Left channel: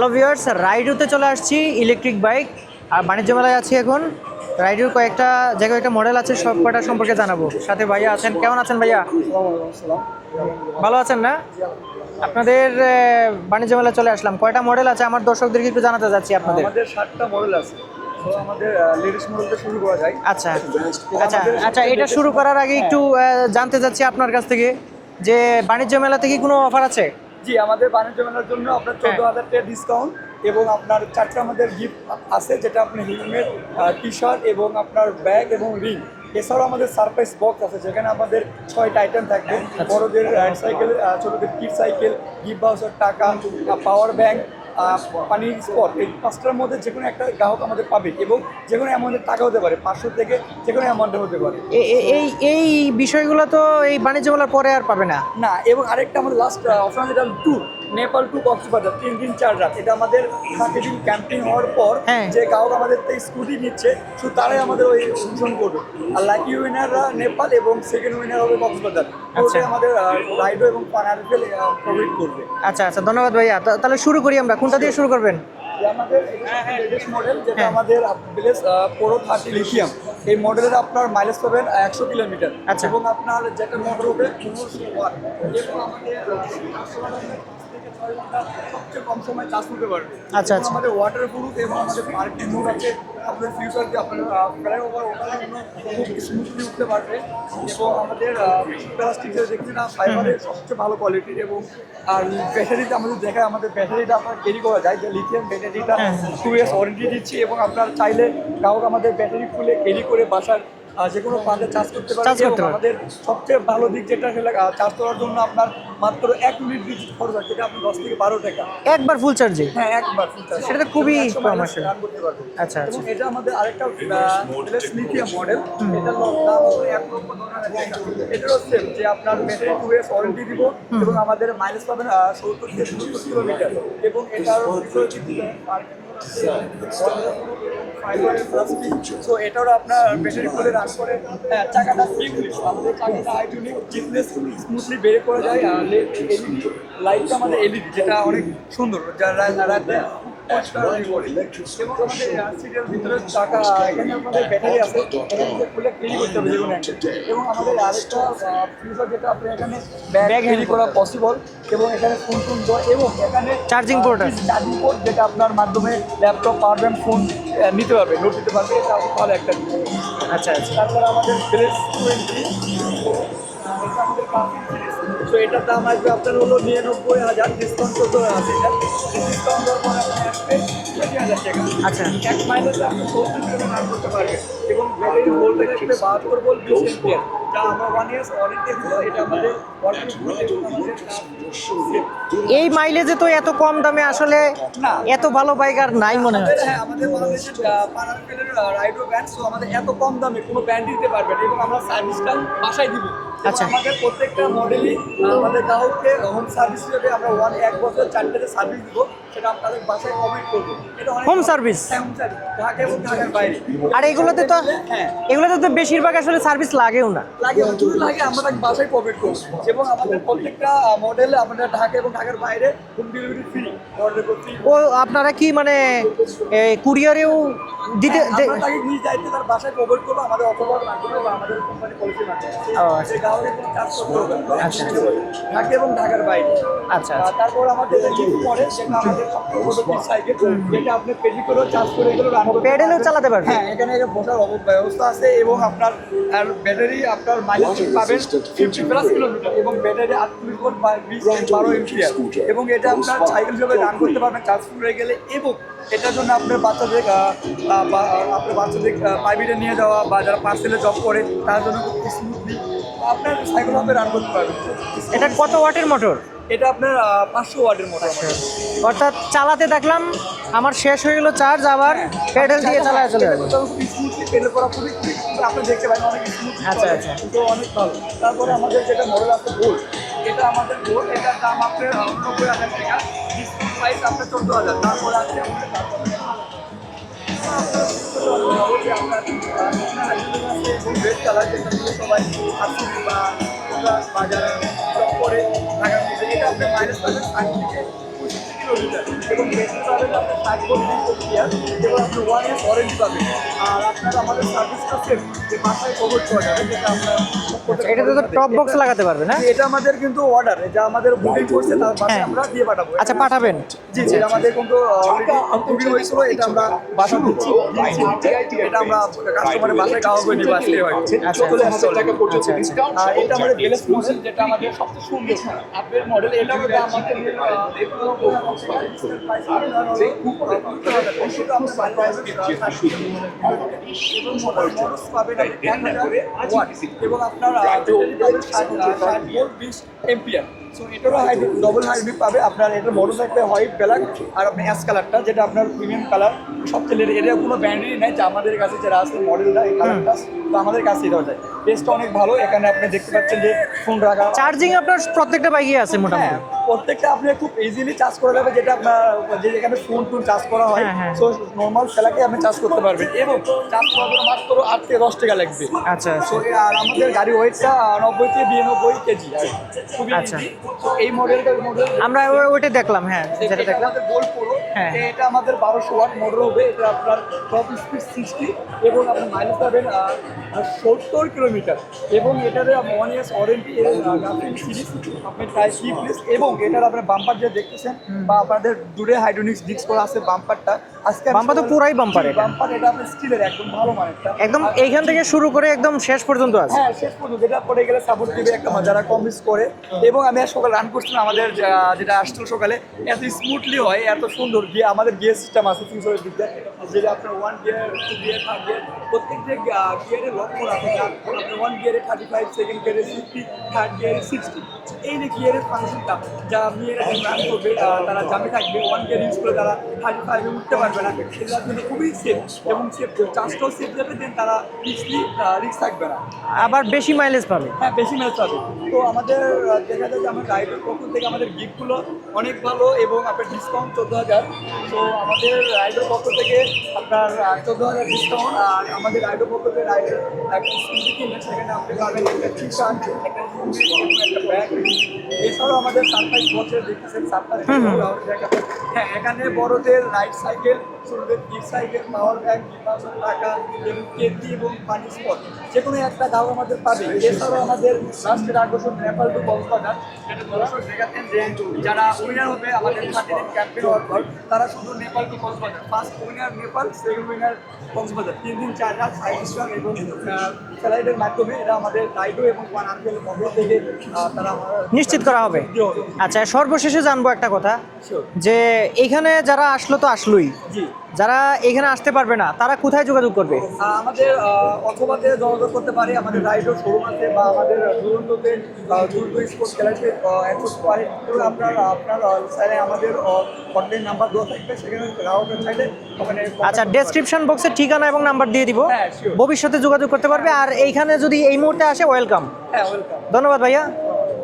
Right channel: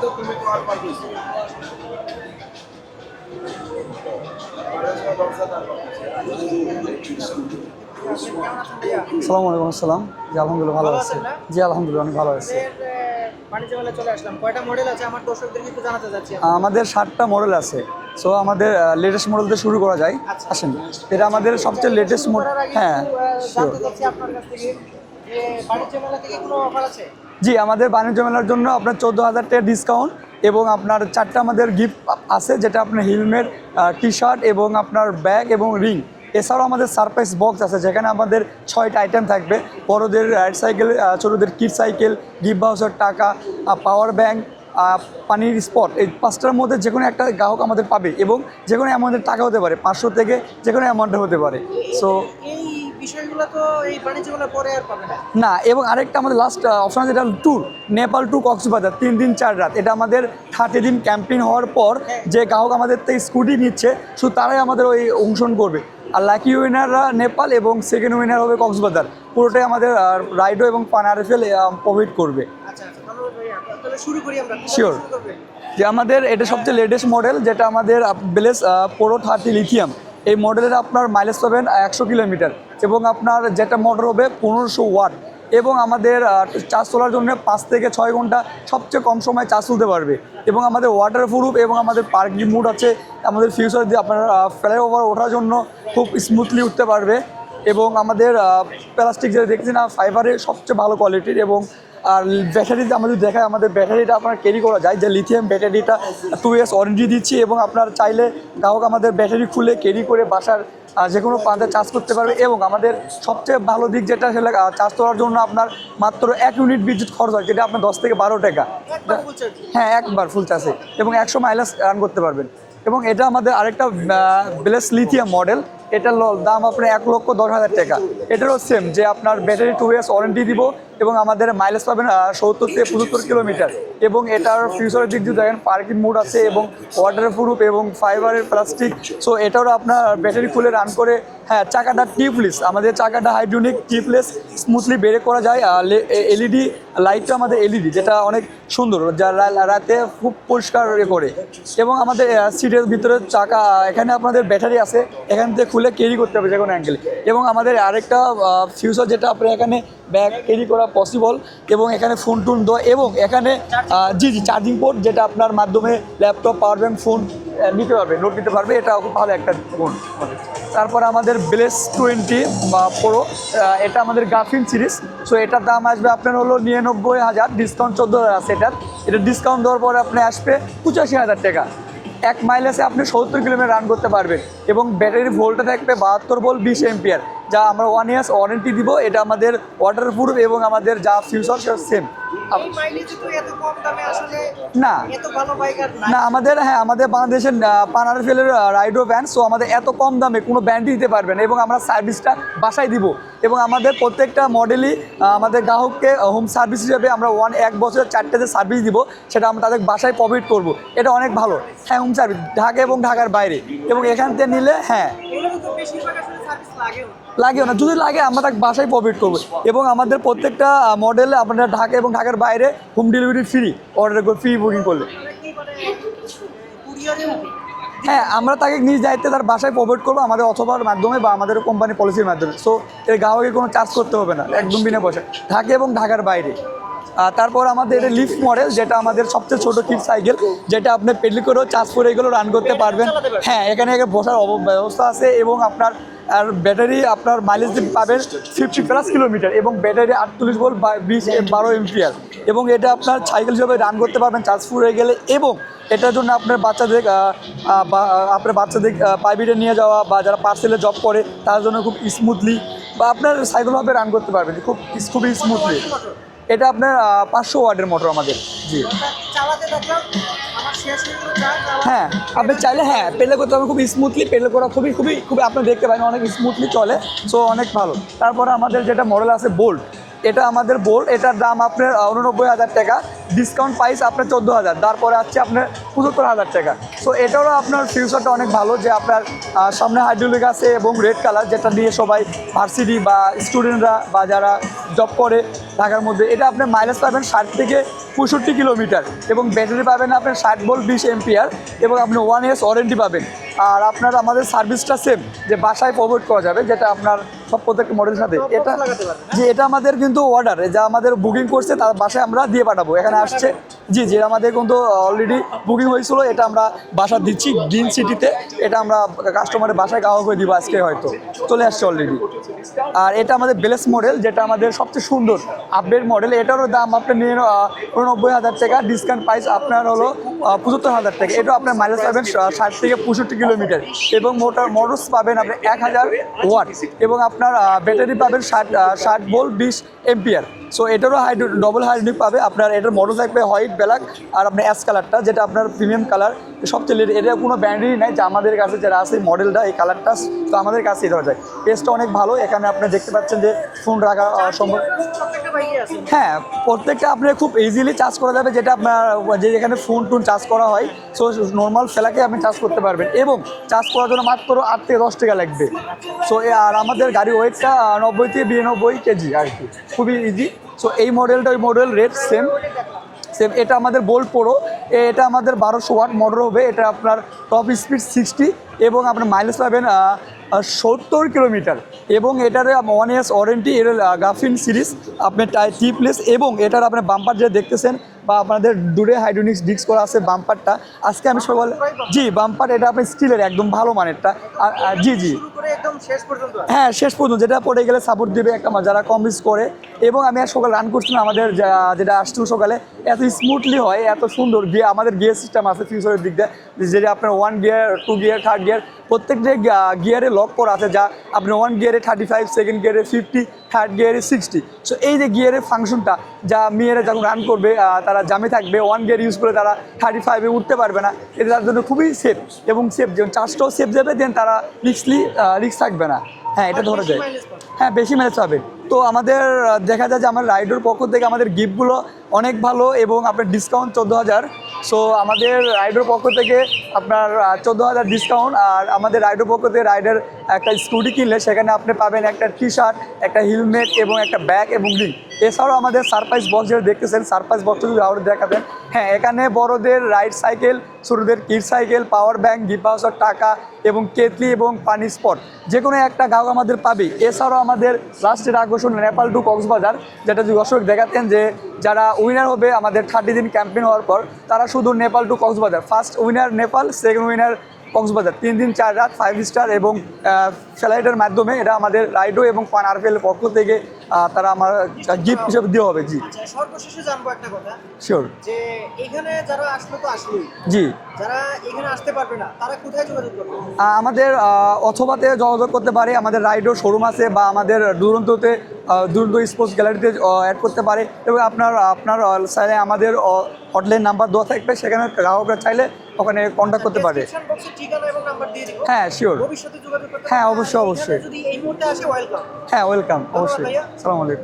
Hello viewers রাইডুতে চলে আসছি electric bike আর বাণিজ্য মেলায় আছি এখন। রাইডুর কয়েকটা জায়গায় একটা মডেল আছে সব কটা সম্পর্কে জানাব। সাথে ভাইয়া আছেন। কেমন আছেন ভাইয়া? আসসালামু আলাইকুম আসসালাম। জি আলহামদুলিল্লাহ ভালো আছেন না? জি আলহামদুলিল্লাহ ভালো আছি। আপনাদের বাণিজ্য মেলায় চলে আসলাম। কয়টা মডেল আছে? আমার দর্শকদেরকে একটু জানাতে যাচ্ছি আপনাদের। আমাদের ষাটটা মডেল আছে। সো আমাদের লেটেস্ট মডেল দিয়ে শুরু করা যায়। আচ্ছা। আচ্ছা, আমাদের সবচেয়ে লেটেস্ট শুরু করার আগে একটু জানতে sure. চাচ্ছি আপনার কাছ থেকে যে বাণিজ্য মেলা থেকে কোনো অফার আছে? জি আমাদের বাণিজ্য মেলার জন্য আপনার চোদ্দ হাজার টাকা ডিসকাউন্ট এবং আপনার চারটা আমাদের গিফট আছে যেটা আপনার হেলমেট টি শার্ট এবং আপনার ব্যাগ এবং রিং এছাড়াও আমাদের সারপ্রাইজ বক্স আছে যেখানে আমাদের ছয়টা আইটেম থাকবে। বড়দের সাইকেল ছোটোদের কিট সাইকেল গিফট বাউসের টাকা পাওয়ার ব্যাংক পানির স্পট এই পাঁচটার মধ্যে যে কোনো একটা গ্রাহক আমাদের পাবে এবং যে কোনো অ্যামাউন্টের টাকা হতে পারে পাঁচশো থেকে যে কোনো অ্যামাউন্টে হতে পারে। এই এই বিষয়গুলো তো এই বাণিজ্য মেলার পরে আর পাবে না। না এবং আরেকটা আমাদের লাস্ট অপশন যেটা ট্যুর নেপাল টু কক্সবাজার তিন দিন চার রাত। এটা আমাদের থার্টি দিন ক্যাম্পিং হওয়ার পর হ্যাঁ। যে গ্রাহক আমাদের থেকে স্কুটি নিচ্ছে শুধু তারাই আমাদের ওই অংশগ্রহণ করবে। আর লাকি উইনাররা নেপাল এবং সেকেন্ড উইনার হবে কক্সবাজার। পুরোটাই আমাদের রাইডো এবং পানারফেল প্রোভাইড করবে। আচ্ছা আচ্ছা ধন্যবাদ ভাইয়া। তাহলে শুরু করি আমরা। কোনটা দিয়ে শুরু করবেন? যে আমাদের এটা সবচেয়ে লেটেস্ট মডেল যেটা হ্যাঁ। আমাদের বেলেস পোরো থার্টি লিথিয়াম এই মডেলের আপনার মাইলেজ পাবেন একশো কিলোমিটার। আচ্ছা। এবং আপনার যেটা মডেল হবে পনেরোশো ওয়াট এবং আমাদের চাষ তোলার জন্য পাঁচ থেকে ছয় ঘণ্টা সবচেয়ে কম সময় চাষ তুলতে পারবে। আচ্ছা, এবং আচ্ছা। আমাদের ওয়াটার প্রুফ এবং আমাদের পার্কিং মুড আছে আমাদের ফিউচার যে আপনারা ফ্লাইওভার ওঠার জন্য খুব স্মুথলি উঠতে পারবে। এবং আমাদের প্লাস্টিক যে দেখছি না ফাইবারের সবচেয়ে ভালো কোয়ালিটির এবং আর ব্যাটারিতে আমাদের দেখেন আমাদের ব্যাটারিটা আপনার ক্যারি করা যায় যে লিথিয়াম ব্যাটারিটা টু ইয়ার্স ওয়ারেন্টি দিচ্ছি এবং আপনার চাইলে গ্রাহক আমাদের ব্যাটারি খুলে ক্যারি করে বাসার যে কোনো প্রান্তে চার্জ করতে পারে এবং আমাদের সবচেয়ে ভালো দিক যেটা সেটা চার্জ করার জন্য আপনার মাত্র এক ইউনিট বিদ্যুৎ খরচ হয় যেটা আপনার দশ থেকে বারো টাকা। একবার ফুল চার্জে হ্যাঁ একবার ফুল চার্জ এবং খুবই একশো মাইনাস রান করতে পারবেন। আচ্ছা, এবং এটা আমাদের আরেকটা ব্লেস লিথিয়াম মডেল এটার দাম আপনার এক লক্ষ দশ হাজার টাকা। এটারও সেম যে আপনার ব্যাটারি টু ইয়ার্স ওয়ারেন্টি দিব এবং আমাদের মাইলেজ পাবেন সত্তর থেকে পঁচাত্তর কিলোমিটার। এবং এটার ফিউচারের দিক দিয়ে দেখেন পার্কিং মোড আছে এবং ওয়াটার প্রুফ এবং ফাইবারের প্লাস্টিক সো এটাও আপনার ব্যাটারি খুলে রান করে হ্যাঁ চাকাটা টিপলেস আমাদের চাকাটা হাইড্রোনিক টিপলেস স্মুথলি বের করা যায়। আর এলইডি লাইটটা আমাদের এলইডি যেটা অনেক সুন্দর যা রাতে খুব পরিষ্কার করে। এবং আমাদের সিটের ভিতরে চাকা এখানে আপনাদের ব্যাটারি আছে এখান থেকে খুলে ক্যারি করতে হবে যে কোনো অ্যাঙ্গেল এবং আমাদের আরেকটা ফিউচার যেটা আপনার এখানে ব্যাগ ক্যারি করা পসিবল এবং এখানে ফোন টোন দো এবং এখানে চার্জিং জি চার্জিং পোর্ট যেটা আপনার মাধ্যমে ল্যাপটপ পাওয়ার ব্যাংক ফোন নিতে পারবে নোট নিতে পারবে এটা খুব ভালো একটা ফোন আচ্ছা আচ্ছা। তারপর আমাদের ব্লেস টোয়েন্টি প্রো এটা আমাদের গাফিন সিরিজ সো এটার দাম আসবে আপনার হলো নিরানব্বই হাজার ডিসকাউন্ট চোদ্দ হাজার সেটার এটা। ডিসকাউন্ট দেওয়ার পরে আপনি আসবে পঁচাশি হাজার টাকা। আচ্ছা। এক মাইলেসে আপনি সত্তর কিলোমিটার রান করতে পারবেন এবং ব্যাটারির ভোল্টে থাকবে বাহাত্তর ভোল্ট বিশ এম্পিয়ার যা আমরা ওয়ান ইয়ার্স ওয়ারেন্টি দিব এটা আমাদের ওয়াটার প্রুফ এবং আমাদের যা ফিউচার সেম এই মাইলেজে তো এত কম দামে আসলে না। এত ভালো বাইক আর নাই। আমাদের হ্যাঁ আমাদের বাংলাদেশের পানারফেলের রাইডো ব্যান্ড সো আমাদের এত কম দামে কোনো ব্যান্ডই দিতে পারবে না এবং আমরা সার্ভিসটা বাসায় দিব এবং আচ্ছা। আমাদের প্রত্যেকটা মডেলই আমাদের গ্রাহককে হোম সার্ভিস হিসেবে আমরা ওয়ান এক বছর চারটে যে সার্ভিস দিব সেটা আমরা তাদের বাসায় প্রোভাইড করব এটা অনেক ভালো। service? হ্যাঁ হোম সার্ভিস ঢাকা এবং ঢাকার বাইরে আর এগুলোতে নিলে হ্যাঁ এগুলোতে তো বেশিরভাগ আসলে সার্ভিস লাগেও না লাগেও না, যদি লাগে, আমরা বাসায় প্রফিট করব। এবং আমাদের প্রত্যেকটা মডেল আপনারা ঢাকা এবং ঢাকার বাইরে home delivery free order free আপনারা কি মানে কুরিয়ারেও দিতে হ্যাঁ, আমরা তাকে নিজ দায়িত্বে তার বাসায় প্রোভাইড করব আমাদের অথবার মাধ্যমে বা আমাদের কোম্পানি পলিসির মাধ্যমে। সো আচ্ছা। এই গ্রাহকের কোনো চার্জ করতে হবে না একদম বিনা পয়সা ঢাকা এবং ঢাকার বাইরে। আচ্ছা তারপর আমাদের এটা লিফট মডেল যেটা আমাদের সবচেয়ে ছোট কিট সাইকেল যেটা আপনি পেডলি করেও চার্জ করে এগুলো রান করতে পারবেন। হ্যাঁ এখানে এখানে বসার অব- ব্যবস্থা আছে এবং আপনার আর ব্যাটারি আপনার মাইলেজ পাবেন ফিফটি প্লাস কিলোমিটার এবং ব্যাটারি আটচল্লিশ ভোল্ট বা বিশ বারো এমপিআর এবং এটা আপনার সাইকেল হিসেবে রান করতে পারবেন চার্জ ফুল হয়ে গেলে এবং এটার জন্য আপনার বাচ্চাদের আপনার বাচ্চাদের প্রাইভেটে নিয়ে যাওয়া বা যারা পার্সেলে জব করে তার জন্য খুব স্মুথলি বা আপনার সাইকেল হবে রান করতে পারবেন। খুব কত। ওয়াটের মোটর এটা আপনার পাঁচশো ওয়াটের মোটর আমাদের। অর্থাৎ চালাতে দেখলাম আমার শেষ হয়ে গেল চার্জ আবার হ্যাঁ পেলে করতে হবে খুব স্মুথলি পেলে করা খুবই খুবই খুবই আপনি দেখতে পারেন অনেক স্মুথলি আচ্ছা, চলে। আচ্ছা। সো অনেক ভালো। তারপরে আমাদের যেটা মডেল আছে বোল্ট এটা আমাদের বোল্ট এটার দাম আপনার উননব্বই হাজার টাকা। ডিসকাউন্ট প্রাইস আপনার চোদ্দ হাজার, তারপরে আছে আপনার পঁচাত্তর হাজার টাকা। সো এটাও আপনার ফিউচারটা অনেক ভালো যে আপনার সামনে হাইড্রোলিক আছে এবং রেড কালার যেটা দিয়ে সবাই ভার্সিটি বা স্টুডেন্টরা বা যারা জব করে ঢাকার মধ্যে, এটা আপনি মাইনাস পাবেন ষাট থেকে পঁয়ষট্টি কিলোমিটার এবং ব্যাটারি পাবেন আপনি ষাট বল বিশ এমপিআর এবং আপনি ওয়ান ইয়ার্স ওয়ারেন্টি পাবেন। আর আপনার আমাদের সার্ভিসটা সেম যে বাসায় প্রোভাইড করা যাবে যেটা আপনার সব প্রত্যেক এটা এটা- লাগাতে এটা আমাদের কিন্তু অর্ডার যা আমাদের বুকিং করছে তার বাসায় হ্যাঁ। আমরা দিয়ে পাঠাবো। আচ্ছা, এখানে পাঠাবেন? জি জি আমাদের কিন্তু অলরেডি বুকিং হয়েছিল এটা আমরা বাসা দিচ্ছি গ্রিন সিটিতে এটা আমরা কাস্টমারের বাসায় কাগজ করে দিব আজকে চলে আসছে অলরেডি আর এটা আমাদের বেলেস মডেল যেটা আমাদের সবচেয়ে সুন্দর। আপডেট মডেল এটারও দাম আপনার নিয়ে উননব্বই হাজার টাকা ডিসকাউন্ট প্রাইস আপনার হলো পঁচাত্তর হাজার টাকা। এটা আপনার মাইলেজ পাবেন ষাট থেকে পঁয়ষট্টি কিলোমিটার। এবং মোটর মডেলস পাবেন আপনি এক হাজার ওয়াট। এবং আপনার ব্যাটারি পাবেন ষাট ষাট ভোল্ট বিশ এম্পিয়ার সো এটারও হাইড ডবল হাইড্রিক পাবে। আপনার এটার থাকবে হোয়াইট ব্ল্যাক আর আপনার অ্যাশ কালারটা যেটা আপনার প্রিমিয়াম কালার সবচেয়ে এটা কোনো ব্র্যান্ডেরই নাই। যে আমাদের কাছে যারা আছে মডেলটা এই কালারটা তো আমাদের কাছে দেওয়া যায়। টেস্টটা অনেক ভালো। এখানে আপনি দেখতে পাচ্ছেন যে ফোন রাখা চার্জিং আপনার প্রত্যেকটা বাইকে আছে হ্যাঁ প্রত্যেকটা আপনি খুব ইজিলি চার্জ করা যাবে যেটা আপনার যে যেখানে ফোন টোন চার্জ করা হয়। সো নর্মাল ফেলাকে আপনি চার্জ করতে পারবেন। এবং চার্জ করার জন্য মাত্র আট থেকে দশ টাকা লাগবে। আচ্ছা সো আর আমাদের গাড়ি ওয়েটটা নব্বই থেকে বিরানব্বই কেজি আর কি। খুবই আচ্ছা। ইজি সো এই মডেলটা ওই মডেল রেট আমরা দেখলাম হ্যাঁ এটা আমাদের বোল্ট হ্যাঁ। এটা আমাদের বারোশো ওয়াট মডেল হবে এটা আপনার টপ স্পিড সিক্সটি এবং আপনার মাইলেজ পাবেন সত্তর কিলোমিটার এবং এটার ওয়ান ইয়ার্স ওয়ারেন্টি এর গাফিন সিরিজ আপনার টিপলেস এবং এটার আপনার বাম্পার যে দেখতেছেন বা আপনাদের দূরে হাইড্রোনিক্স ডিস্ক করা আছে বাম্পারটা আজকে আমি পুরাই bumper জি বাম্পার এটা আপনার স্টিলের একদম ভালো মানেরটা। একদম জি, থেকে শুরু করে একদম শেষ পর্যন্ত হ্যাঁ শেষ পর্যন্ত যেটা পড়ে গেলে সাপোর্ট দিবে একটা যারা কম রিস্ক করে। এবং আমি আর সকালে রান করছিলাম আমাদের যেটা আসছিল সকালে এত স্মুথলি হয় এত সুন্দর গিয়ে আমাদের গিয়ার সিস্টেম আছে ফিউচারের দিক দিয়ে যেটা আপনার one gear two gear third gear প্রত্যেক যে গিয়ারে লক করা আছে যা আপনি ওয়ান গিয়ারে থার্টি ফাইভ সেকেন্ড গিয়ারে ফিফটি থার্ড গিয়ারে সিক্সটি সো এই যে গিয়ারের ফাংশনটা যা মেয়েরা যখন রান করবে তারা জামে থাকবে ওয়ান গিয়ার ইউজ করে তারা থার্টি ফাইভে উঠতে পারবে না। এটা তার জন্য খুবই সেফ এবং সেফ চার্জটাও সেফ যাবে দেন তারা রিক্সলি রিক্স থাকবে না। হ্যাঁ, বেশি মাইলেজ পাবে। হ্যাঁ বেশি ম্যাচ পাবে। তো আমাদের দেখা যায় যে আমার রাইডের পক্ষ থেকে আমাদের গিফটগুলো অনেক ভালো এবং আপনার ডিসকাউন্ট চোদ্দ হাজার। সো আমাদের রাইডের পক্ষ থেকে আপনার চোদ্দ হাজার ডিসকাউন্ট আর আমাদের রাইডের পক্ষ থেকে রাইডার একটা স্কুটি কিনলে সেখানে আপনি পাবেন একটা টি শার্ট একটা হেলমেট এবং একটা ব্যাগ এবং রিং এছাড়াও আমাদের সারপ্রাইজ বক্স যেটা দেখতেছেন সারপ্রাইজ বক্স আবার দেখাবেন। হ্যাঁ এখানে বড়দের রাইড সাইকেল ছোটদের kid cycle power bank gift voucher টাকা এবং কেটলি এবং পানি স্পট যে কোনো একটা গাল আমাদের পাবে। এছাড়াও আমাদের লাস্টের আকর্ষণ নেপাল টু কক্সবাজার যেটা দর্শক দেখাতেন যে যারা উইনার হবে আমাদের থার্টি দিন ক্যাম্পেইন হওয়ার পর তারা শুধু Nepal to Cox's Bazar. First winner Nepal second winner Cox's Bazar. তিন দিন চার রাত ফাইভ স্টার এবং স্যালাইডের মাধ্যমে এটা আমাদের রাইডো এবং ফান আরপিএল পক্ষ থেকে তারা আমার নিশ্চিত করা হবে। দেওয়া হবে জি। আচ্ছা সর্বশেষে জানব একটা কথা। শিওর যে এখানে যারা আসলো তো আসলোই। জি। যারা এখানে আসতে পারবে না তারা কোথায় যোগাযোগ করবে? আমাদের অথবাতে যোগাযোগ করতে পারে আমাদের রাইডো শোরুম আছে বা আমাদের দুরন্ততে দুরন্ত স্পোর্টস গ্যালারিতে অ্যাড করতে পারে। এবং আপনার আপনার চাইলে আমাদের হটলাইন নাম্বার দেওয়া থাকবে সেখানে গ্রাহকরা চাইলে ওখানে আচ্ছা ডেসক্রিপশন বক্সে ঠিকানা এবং নাম্বার দিয়ে দিব। হ্যাঁ, শিওর ভবিষ্যতে যোগাযোগ করতে হ্যাঁ, পারবে আর অবশ্যই, এইখানে যদি এই মুহূর্তে আসে ওয়েলকাম হ্যাঁ ওয়েলকাম ধন্যবাদ ভাইয়া। আসসালামু আলাইকুম।